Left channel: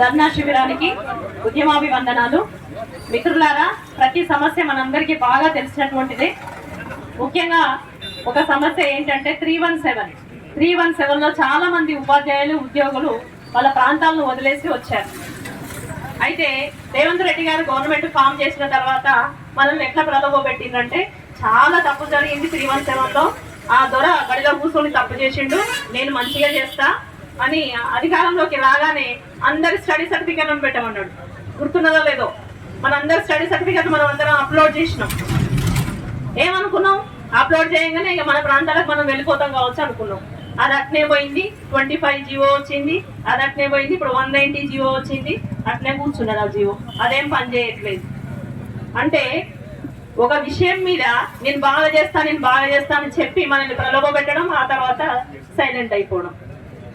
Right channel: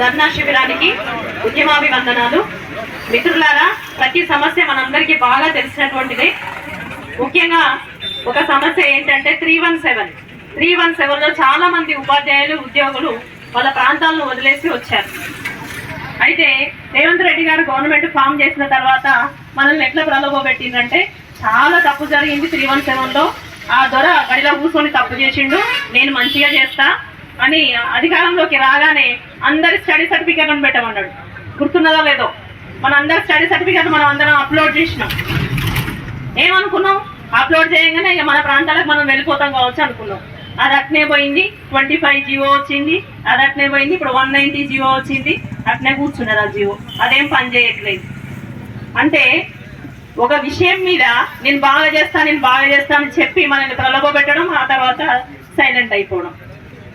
ధర్నా శిబిరానికి ఉద్యమాభివందనాలు. మిత్రులారా, ప్రతి సమస్య మనందరికీ బాగా తెలిసినటువంటిదే. ముఖ్యంగా ఒక సమస్య ఏంటంటే 317లో చాలా మంది ఉపాధ్యాయులు ఉద్యోగులు వాళ్ళ ప్రాంతాలను వదిలేసి వచ్చారు. అయితే రేవంత్ రెడ్డి గారు గవర్నమెంట్ ఫామ్ చేసిన తర్వాత మనల్ని ఎట్లా ప్రలోభపెట్టిందంటే చాలా తప్పు జరిగింది 317లో. ఆ దొర గడిలో కూర్చొని తప్పు చేసిండు, నేను మంచిగా చేస్తా అని అధికారంలోకి రాగానే అందరి స్టడీ సర్టిఫికేట్ అని పెట్టమన్నాడు. గుర్తున్నదో లేదో, మన అందరి స్టడీ సర్టిఫికేట్ మనం అందరం అప్లోడ్ చేసినాం. ఏమనుకున్నాం, అప్లోడ్ చేయగానే ఇక మన ప్రాంతాలకు మనం వెళ్ళిపోతాం కావచ్చు అనుకున్నాం. అది అట్నే పోయింది. 25 జీవో వచ్చింది, అది అట్నే పోయింది. ఇప్పుడు 190 జీవో వచ్చింది, అట్నే కూర్చున్నారు ఆ జీవో. అదేం పని చేయట్లేదు. అంటే ఒక విషయం మీద నేను బాగా చేస్తా అని చెప్పి మనల్ని ప్రలోభ పెట్టడం, ఆ తర్వాత సైలెంట్ అయిపోవడం.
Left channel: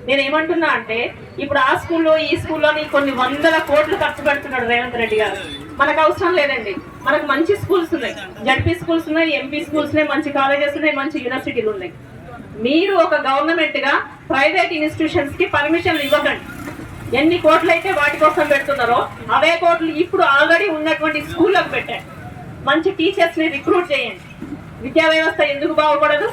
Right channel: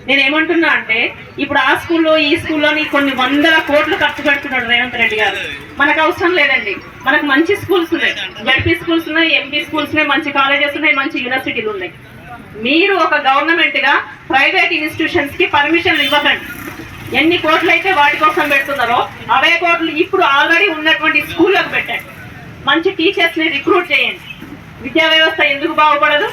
నేను ఏమంటున్నా అంటే ఇప్పుడు ఆ స్కూల్లో ఈ స్కూల్లోని కొన్ని వందల కోట్లు ఖర్చు పెడుతున్నాడు రేవంత్ రెడ్డి గారు. మనకు అవసరం లేదండి. మనకు మంచి స్కూల్స్ ఉన్నాయి, జడ్పీ స్కూల్స్ ఉన్నాయి, ఎంపీ స్కూల్స్ ఉన్నాయి, మంచి కాలేజెస్ ఉన్నాయి, మంచి యూనివర్సిటీలు ఉన్నాయి. మీరు ఒక గవర్నమెంట్ గా ప్రైవేట్ ఇన్స్టిట్యూషన్స్ కి పర్మిషన్లు ఇవ్వకండి. ఎన్ని కోట్లు అయితే వాటి కోసం పెడుతున్నారో అవే కోట్లు ఇప్పుడు ఆల్రెడీ ఉన్నటువంటి స్కూళ్ళకు పెట్టండి. మంచి టీచర్స్ ని రిక్రూట్ చేయండి. విద్యా వ్యవస్థ ఎందుకు బాగుపడదు?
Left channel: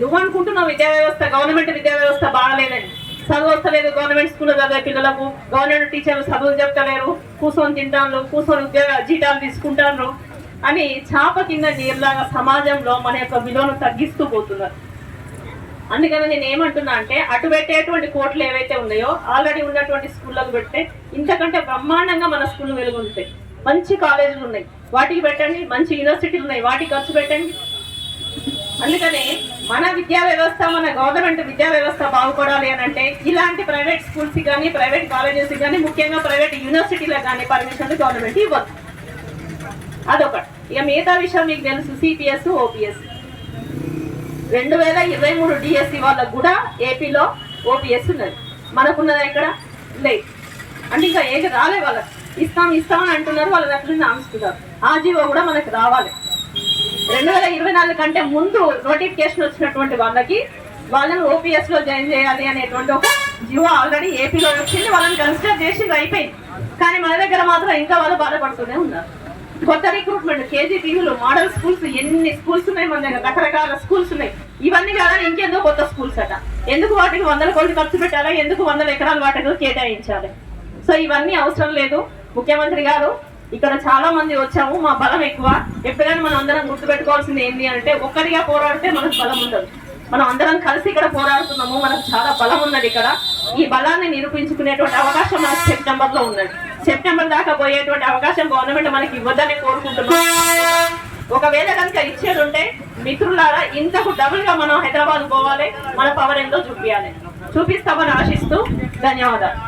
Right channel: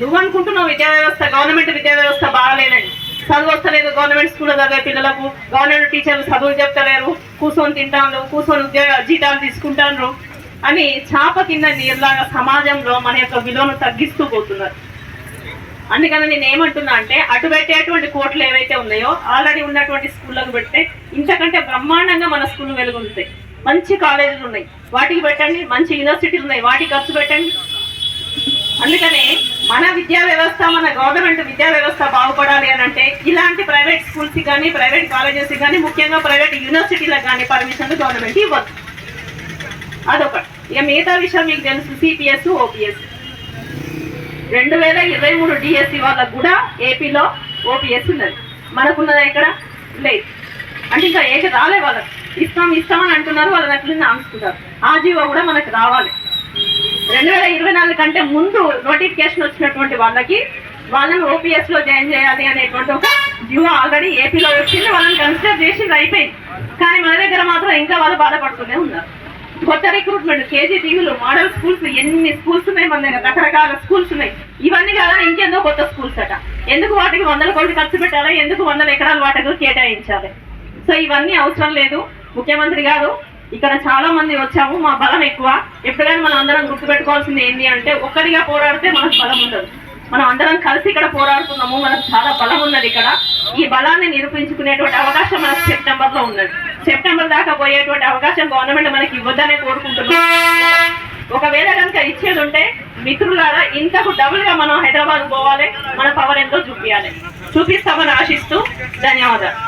నువ్వు అనుకుంటున్నావు విద్యా వ్యవస్థ, గవర్నమెంట్ విద్యా వ్యవస్థ బాగలేదండి, చదువు వస్తలేదు, గవర్నమెంట్ స్కూల్లో చదివే పిల్లలకు గవర్నమెంట్ టీచర్లు చదువులు చెప్తలేరు, కూర్చొని తింటాను, కూర్చొని జీతాలు తీసుకుంటాను అని చాప కింద నీరులాగా సమాజంలో మన యొక్క విలువను తగ్గిస్తూ పోతున్నారు. అందుకని నేను ఏమంటున్నా అంటే అటు పెట్టేటువంటి కోట్లు ఏవైతే ఉన్నాయో ఆల్రెడీ ఉన్నటువంటి స్కూళ్ళకు పెడితే ఇంతకంటే బ్రహ్మాండంగా మన స్కూల్ వెలుగుంటాయి. మంచి కాలేజీలు ఉన్నాయి, వాటికి పెట్టండి. మంచి యూనివర్సిటీలు ఉన్నాయి, వాటికి ఖర్చు పెట్టండి. అందుకనే మన విద్యా వ్యవస్థ, మన గవర్నమెంట్ విద్యా వ్యవస్థ బాగుపడాలి అని అంటే ఇలాంటి ప్రైవేట్ స్కూల్స్ కానీ, ప్రైవేట్ కాలేజెస్ కానీ, ముఖ్యంగా ప్రైవేట్ యూనివర్సిటీలకు కానీ పర్మిషన్లు గవర్నమెంట్ ఇవ్వదు. అదొకటి. ఇక మిగతా విషయం మీకు తెలుసు, సిపిఎస్, ఓపీఎస్ 2023 డిఎస్సి వాళ్ళకు కూడా ఏపీలో ఓపీఎస్ ఉన్నది. మనకున్నది ఎక్కడ లేదు. అంటే ఇంకా ఏది రాలే. వాళ్ళకి ఇస్తామని అంటున్నారు, వాళ్ళని అట్లనే ఆంచుతున్నారు. ఆ జీవో కూడా మనకు రావాలి. 2024 కంటే ముందు నోటిఫికేషన్ వచ్చినటువంటి వాళ్ళని ఓపీఎస్ లో జాయిన్ చేయాలి అనేటువంటి ఒక జీవో ఆల్రెడీ ఏపీలో వచ్చింది. వాళ్ళని కన్సిడర్ చేసి అయిపోయింది. కానీ మన దగ్గర మాత్రం ఇంకా వాళ్ళు బాధపడుతూనే ఉన్నారు. కొత్త రిక్రూట్మెంట్, కేజీటీవీలు, మోడల్ స్కూల్స్, ఎన్ని స్కూల్స్ ఉన్నాయి మన దగ్గర, రకరకాల స్కూల్స్ ఉన్నాయి. ఇవన్నీ కాదని ఇంకెందుకు కొత్త స్కూల్స్ అట. ఎందుకు వాటికి 100 కోట్లు ఖర్చు పెట్టాలి? ఎందుకు 100 ఎకరాలు వాటికి కేటాయించాలి? సో ఇవన్నీ అవసరం లేదు. ముఖ్యమంత్రి గారు, ఇక్కడ చాలా మంది వచ్చాము, మా బలం ఎక్కువ. ఎప్పుడైనా మనం అందరం గుర్తుపెట్టుకోవాల్సింది ఏంటి అంటే ఒక్కరిగా పోరాడితే మనకు బలం ఉండదు. మనం అందరం కలిసి ఇక్కడ పోరాడుతున్నాము, మనకు చాలా బలం ఉన్నది. ఇక్కడ ఈ బలాన్ని నిరూపించుకునేటువంటి అవకాశం మనకు సెప్టెంబర్లో ఉన్నది. సెప్టెంబర్ దాకా పోయేటువంటి అవకాశం గవర్నమెంట్ మనకి ఇవ్వద్దనే కోరుకుంటున్నాం. ఒకవేళ కనుక ఇచ్చేది ఉంటే మిత్రులారా, ఇంతకు డబుల్ గా మనం హైదరాబాద్ పోవాలి, మన పవర్ ఎంతో చూపిస్తామని ఆశిస్తూ ధన్యవాదాలు.